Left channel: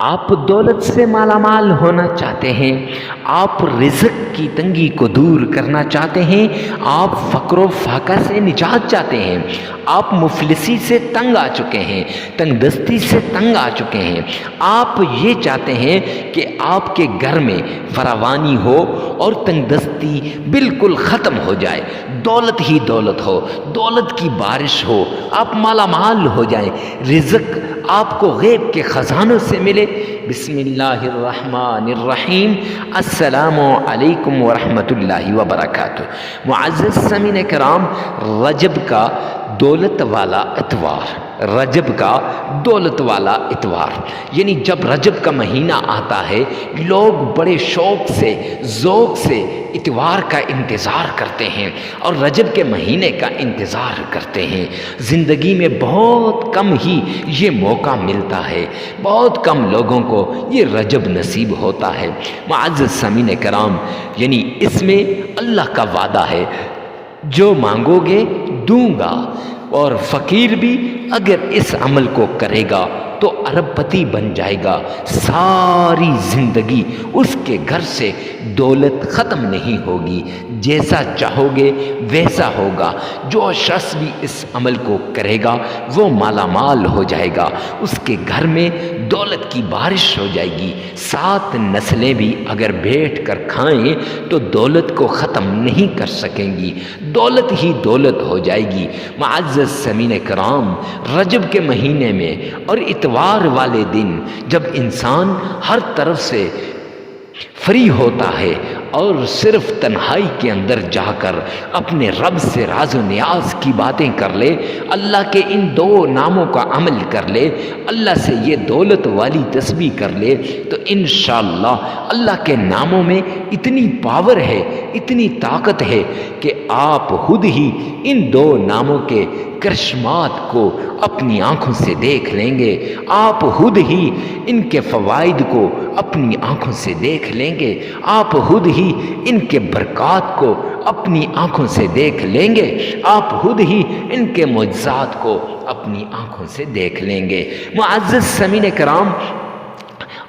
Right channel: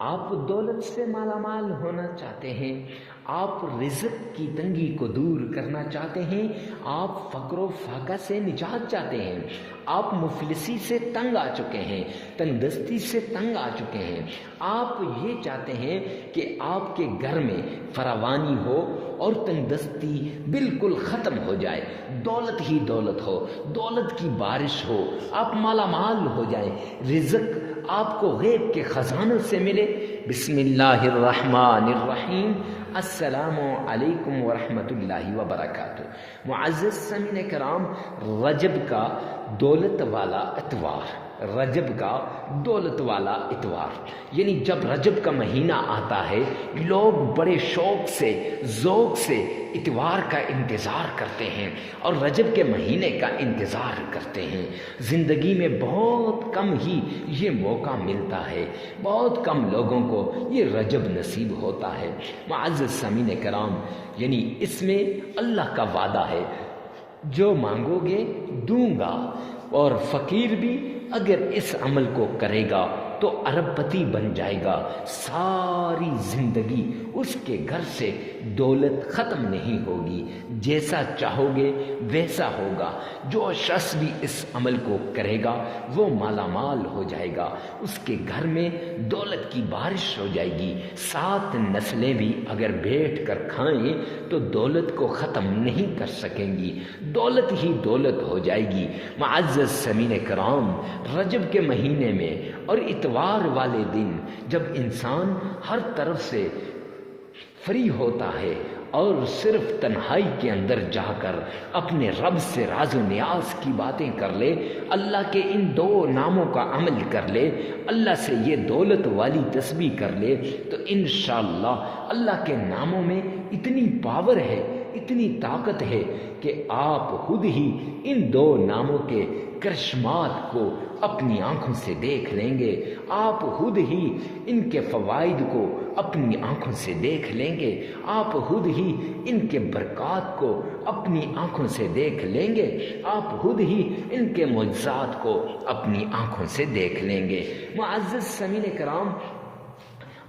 آپ دولت سے مالا مال ہونا چاہتے ہیں، آپ رزق کی تنگی کو دور کرنا چاہتے ہیں، آپ فقر و فاقہ سے نجات چاہتے ہیں، آپ مفلسی سے تنگ آ چکے ہیں، تنگ دستی سے تنگ آ چکے ہیں، آپ یہ چاہتے ہیں کہ آپ کے گھر میں فراوانی ہو اور تنگ دستی بالکل ختم ہو جائے، دولت ہی دولت ہو، دولت کی بارش ہو، آپ مالا مال ہو جائیں، رزق آپ کو غیب کے خزانوں سے ملے۔ بسم اللہ الرحمن الرحیم۔ السلام علیکم ورحمۃ اللہ وبرکاتہ۔ معزز سامعین کرام، رجب کا دولت والا اتوار، رجب کا دولت والا اتوار، یعنی جب رجب کا مہینہ آتا ہے لوگ بڑے شوق سے ذوق سے اتوار کا انتظار کرتے ہیں اور رجب کے مہینے کا انتظار کرتے ہیں۔ زندگی میں بہت کم ہی یہ موقع ملتا ہے، بہت کم لوگوں کو یہ رجب نصیب ہوتا ہے۔ معزز سامعین کرام، یعنی اس میں اللہ کا وعدہ ہے، جو مانگو گے دوں گا، اور فقیر بھی اگر اس عمل کو کرے گا تو ارب پتی بن جائے گا، ساری زندگی اس کے گھر سے دولت ختم نہیں ہوگی، جیسا چاہو گے ویسا ہوگا۔ جو شخص بھی اس عمل کو کرے گا وہ مالا مال ہو جائے گا، اس کے گھر میں دولت کی بارش ہو جائے گی، 7 نسلیں بھی اگر بیٹھ کر کھائیں تو دولت کو ختم نہیں کر سکیں گی، دولت ہی دولت ہو جائے گی۔ معزز سامعین کرام، رجب کے مہینے میں اور اتوار والے دن جب انسان ہر طرف سے فری ہوتا ہے اور صرف تنہائی کے اندر جا کر اپنے رب سے راز و نیاز کی باتیں کر لے، اللہ کے ان 2 ناموں کا عمل کر لے، اللہ سے یہ دولت والی تسبیح کر لے، تو انشاءاللہ اللہ کے ناموں میں اتنی پاور ہے، اتنی طاقت ہے کہ آپ خود ہی ان 2 ناموں کے کرشمات کو اپنی آنکھوں سے دیکھ لیں گے، آپ خود ہی ان کے فوائد کو اپنی آنکھوں سے دیکھ لیں گے، آپ خود ہی ان کے برکات کو اپنی آنکھوں سے دیکھ لیں گے، آپ خود ہی ان کے معجزات کو اپنی آنکھوں سے دیکھ لیں گے۔ معزز سامعین کرام،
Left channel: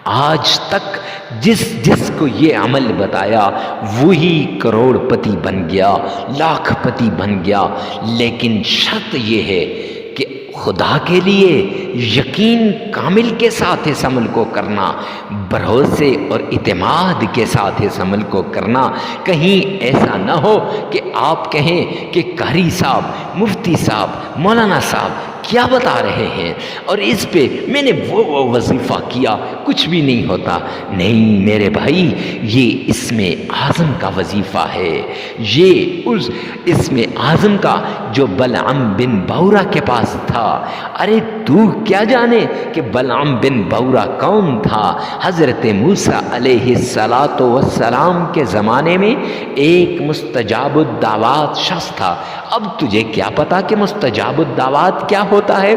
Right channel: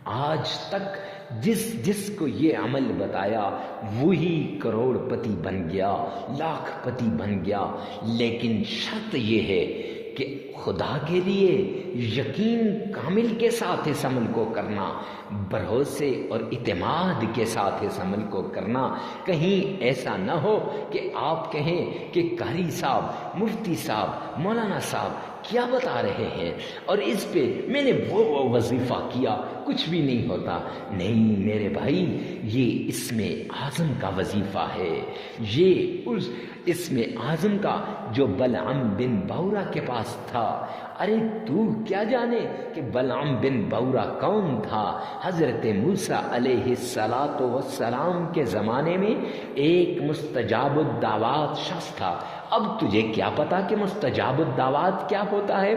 آج تک جس کو یہ عمل بتایا وہی کروڑ پتی بن گیا، لاکھ پتی بن گیا، لیکن شرط یہ ہے کہ خدا کے لیے یقین کامل کے ساتھ اس عمل کو کرنا، بھروسے اور اعتماد کے ساتھ اس عمل کو کرنا۔ کہیں ایسا نہ ہو کہ آپ کہیں کہ قاری صاحب، مفتی صاحب، مولانا صاحب کیا بتا رہے ہیں، اور اس پہ میں نے وہ وظیفہ کیا کچھ بھی نہیں ہوتا۔ نہیں میرے بھائی، یہ اسم اعظم کا وظیفہ ہے، یہ اس اسم اعظم کا جو بلعم بن بورا کے پاس تھا۔ ارے تو کیا جانے کہ بلعم بن بورا کون تھا؟ حضرت موسیٰ علیہ السلام کے زمانے میں ایک مستجاب الدعوات شخص تھا۔ اب تجھے کیا پتا کہ مستجاب الدعوات کیا ہوتا ہے؟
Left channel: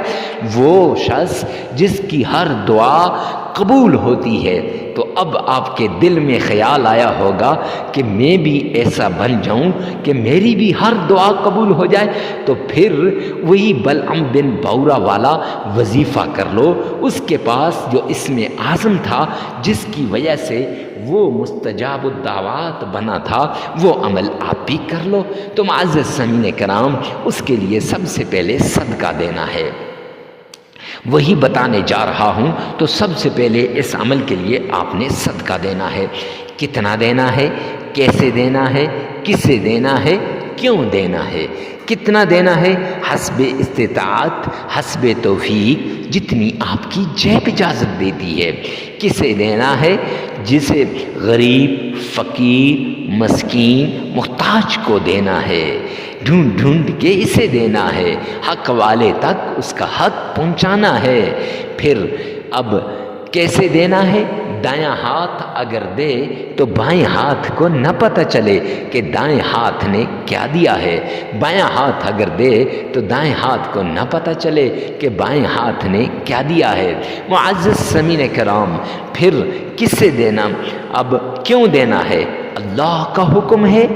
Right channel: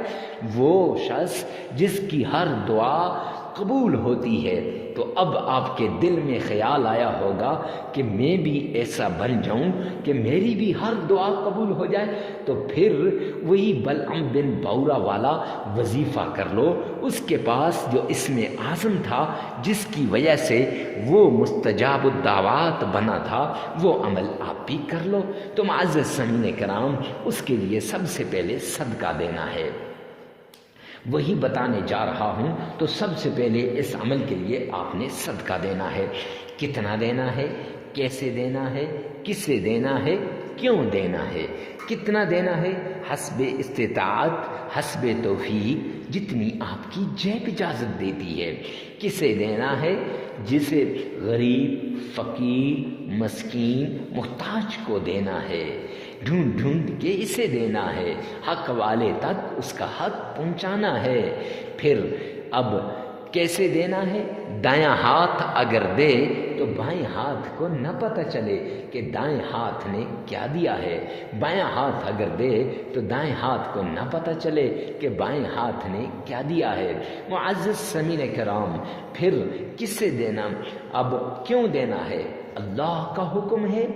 وہ شخص جس کی ہر دعا قبول ہوتی ہے۔ تو اب آپ کے دل میں خیال آیا ہوگا کہ میں بھی ایسا بن جاؤں کہ میری بھی ہر دعا قبول ہو جائے، تو پھر وہی بلعم بن بورا والا وظیفہ کر لو۔ اس کے پاس جو اسم اعظم تھا جس کی وجہ سے وہ مستجاب الدعوات بنا تھا، وہ عمل آپ بھی کر لو۔ تو معزز سامعین کرام، اس کے لیے سب سے پہلے صدقہ دینا ہے، وہی بتانے جا رہا ہوں۔ تو سب سے پہلے اس عمل کے لیے آپ نے صدقہ دینا ہے۔ کتنا دینا ہے، کیسے دینا ہے، کسے دینا ہے، کیوں دینا ہے؟ کتنا دینا ہے؟ حسب استطاعت، حسب توفیق، جتنی آپ کی جیب اجازت دیتی ہے۔ کسے دینا ہے؟ جسے غریب، فقیر، مسکین، محتاج کو دینا ہے، ڈھونڈ ڈھونڈ کے اسے دینا ہے، حق والے تک اس کا حق پہنچانا ہے۔ پھر اب کیسے دینا ہے؟ دایاں ہاتھ اگر دے تو بائیں ہاتھ کو نہ پتہ چلے کہ دائیں ہاتھ نے کیا دیا ہے، بایاں ہاتھ اگر دے تو دائیں ہاتھ کو نہ پتہ چلے کہ بائیں ہاتھ نے کیا دیا ہے۔ معزز سامعین کرام، پھر کس سے دینا؟ اب کیوں دینا ہے؟ اللہ کا حکم ہے،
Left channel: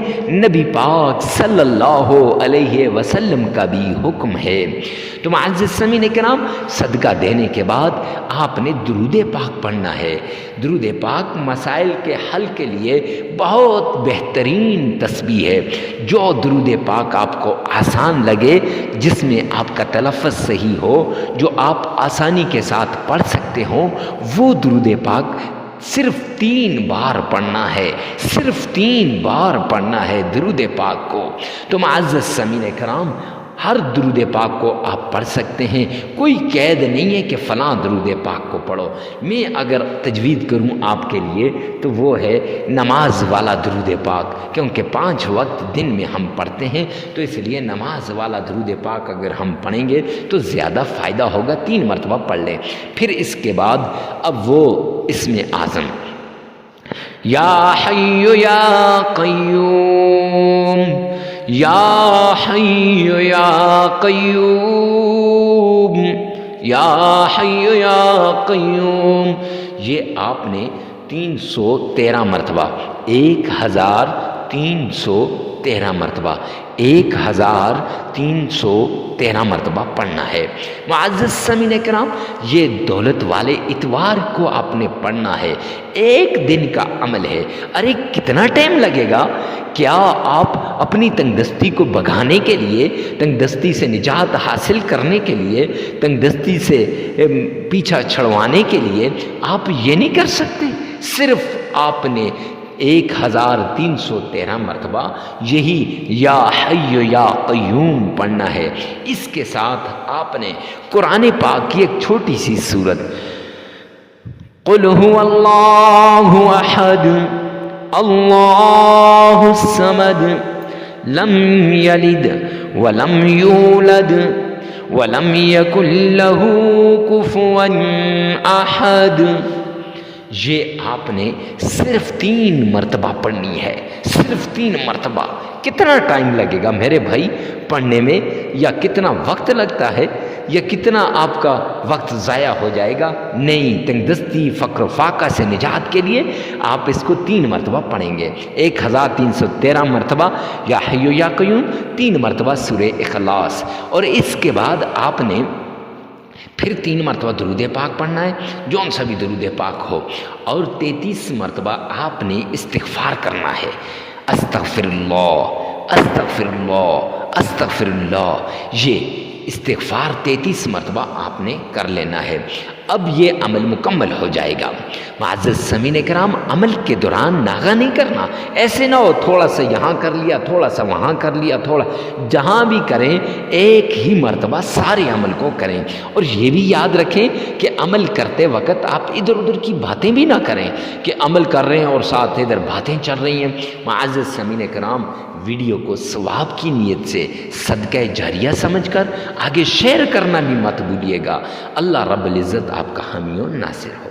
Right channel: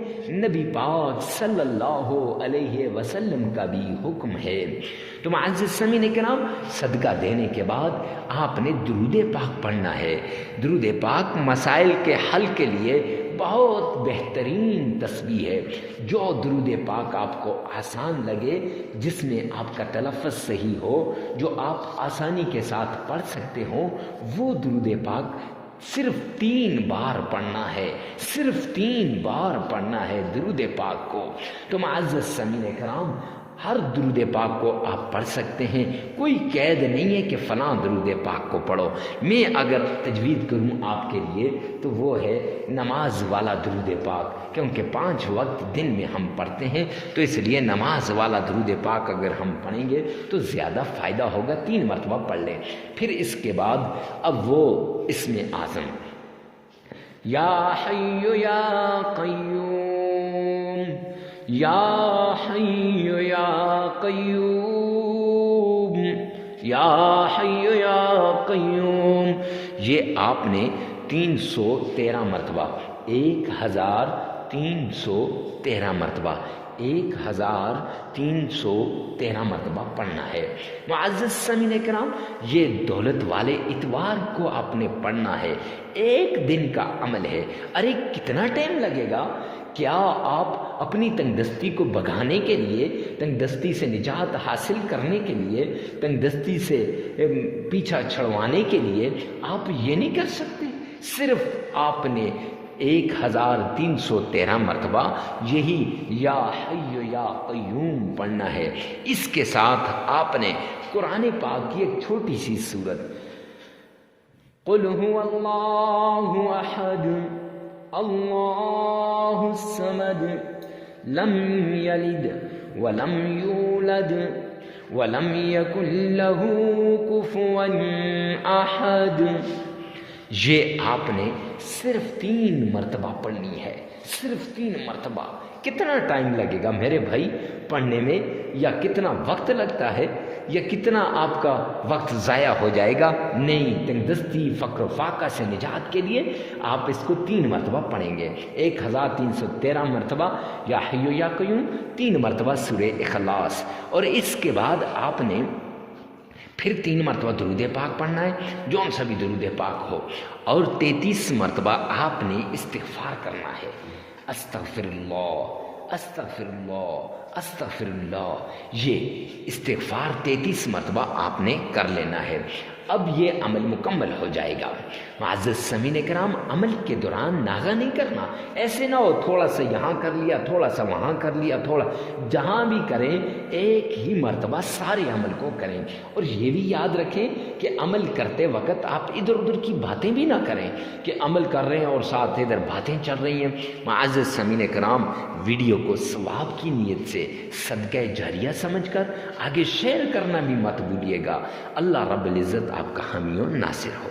نبی پاک صلی اللہ علیہ وسلم کا بھی حکم ہے۔ تو معزز سامعین کرام، صدقہ دینے کے بعد آپ نے درود پاک پڑھنا ہے۔ درود پاک مسائل کے حل کے لیے بہت بہترین تسبیح ہے۔ جو درود پاک آپ کو آسان لگے، جس میں آپ کا تلفظ صحیح ہو، جو آپ آسانی کے ساتھ پڑھ سکتے ہوں، وہ درود پاک صرف 3 بار پڑھنا ہے، صرف 3 بار پڑھنا ہے درود پاک کو۔ تو معزز سامعین کرام، ہر درود پاک کو آپ پڑھ سکتے ہیں، کوئی قید نہیں ہے کہ فلاں درود پاک کو پڑھو۔ میں اگر تجوید کروں آپ کے لیے تو وہ ہے نماز والا درود پاک، کیونکہ 5 وقت دن میں ہم پڑھتے ہیں، تو اس لیے نماز والا درود پاک اگر ہم پڑھیں گے تو زیادہ فائدہ ہوگا۔ 3 مرتبہ پڑھ لیں۔ پھر اس کے بعد اب وہ اسم اعظم یا حی یا قیوم، یا حی یا قیوم، یا حی یا قیوم، یہ آپ نے 313 مرتبہ، 1313 مرتبہ، 1313 مرتبہ پڑھنا ہے۔ معزز سامعین کرام، یہ دولت والے اتوار کو آپ نے پڑھنا ہے۔ 1 دن کا عمل ہے۔ ارے کتنا ٹائم لگے گا؟ کیا آپ اپنی تنگ دستی کو بھگانے کے لیے، تنگ دستی سے نجات حاصل کرنے کے لیے، تنگ دستی سے پیچھا چھڑوانے کے لیے آپ یہ نہیں کر سکتے؟ صرف آپ نے 1313 مرتبہ یہی یا حی یا قیوم پڑھنا ہے۔ اس کے ساتھ آپ نے قرآن پاک کی ایک چھوٹی سی سورت قل هو اللہ احد اللہ الصمد لم یلد ولم یولد ولم یکن له کفوا احد، یہ آپ نے صرف 3 مرتبہ پڑھنی ہے، صرف 3 مرتبہ۔ کتنا ٹائم لگے گا میرے بھائی پڑھنے میں؟ یا کتنا وقت لگتا ہے؟ یا کتنا آپ کا وقت ضائع ہو جائے گا؟ نہیں، تنگ دستی فقر و فاقہ سے نجات کے لیے آپ اس کو 3 مرتبہ پڑھیں گے۔ 1313 مرتبہ یا حی یا قیوم، 3 مرتبہ سورہ اخلاص، اور اس کے بعد آپ نے پھر 3 مرتبہ درود پاک پڑھنا ہے، جون سا بھی درود پاک ہو، اور 33 مرتبہ آپ نے استغفار کرنا ہے۔ استغفر اللہ، استغفر اللہ، استغفر اللہ، یہ استغفار 33 مرتبہ آپ نے کر لینا ہے۔ اب یہ عمل مکمل ہو جائے گا۔ معزز سامعین کرام، عمل کے دوران ناغہ نہیں کرنا، ایسے نہ ہو تھوڑا سا یہاں کر لیا، تھوڑا سا وہاں کر لیا، تھوڑا جہاں بھی کریں ایک ہی مرتبہ سارے عمل کو کریں۔ اور یہ بھی یاد رکھیں کہ عمل کرتے وقت آپ ادھر ادھر کی باتیں بھی نہ کریں کہ عمل کر رہے ہیں اور ساتھ ادھر باتیں چل رہی ہیں۔ معزز سامعین کرام، ویڈیو کو ثواب کی نیت سے صدقہ جاریہ سمجھ کر آگے شیئر کرنا بھی مت بھولیے گا۔ اللہ رب العزت آپ کا حامی و ناصر ہو۔